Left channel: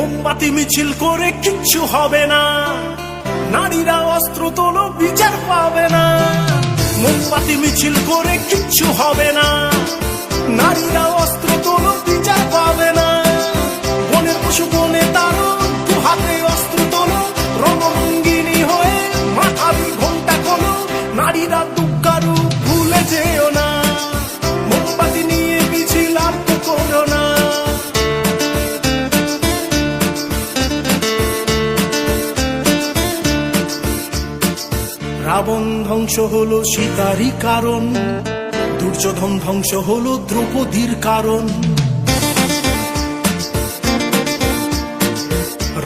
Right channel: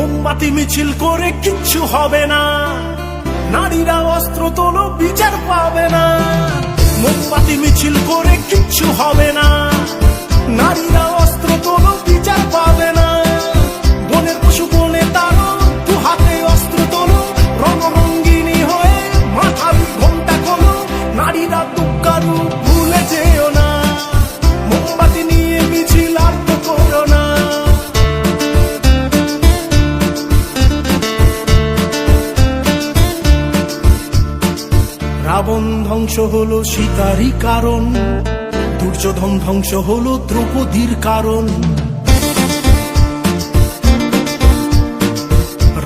মোমবাতি মিছিল করে কিচ্ছু হবে না, নারীরা অস্ত্র তোলো বিচার পাবে না। মোমবাতি মিছিল করে কিচ্ছু হবে না, নারীরা অস্ত্র তোলো বিচার পাবে না। বনের পশু বনে তারো, দু হাতে অস্ত্র তোলো, রণরঙ্গিনী হয়ে মাথাবি ঘোমটা খোলো। নারীরা দুঃখারু ভুলে যেও না, মোমবাতি নিয়ে মিছিল আর তো করো না। রাবণ ধ্বংস হলো সীতারই কারণ, দুর্যোধন ধ্বংস হলো দ্রৌপদীর কারণ।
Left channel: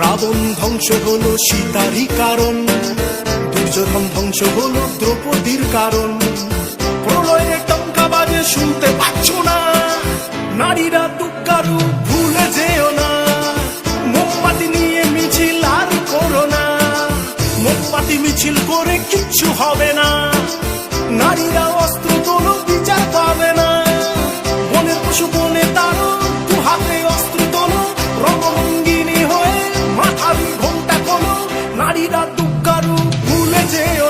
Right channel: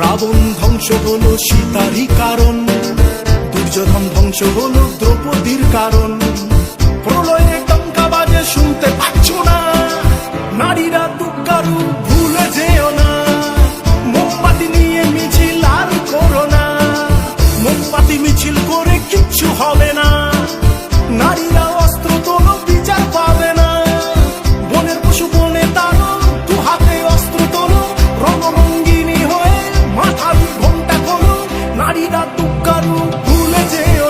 রাবণ ধ্বংস হলো সীতারই কারণ, দুর্যোধন ধ্বংস হলো দ্রৌপদীর কারণ। প্রলয়ের টঙ্কা বাজে শুনতে পাচ্ছ না, নারীরা দুঃখারু ভুলে যেও না। মোমবাতি নিয়ে মিছিল আর করো না, মোমবাতি মিছিল করে কিচ্ছু হবে না, নারীরা অস্ত্র তোলো বিচার পাবে না। বনের পশু বনে তারো, দু হাতে অস্ত্র তোলো, রণরঙ্গিনী হয়ে মাথাবি ঘোমটা খোলো। নারীরা দুঃখারু ভুলে যেও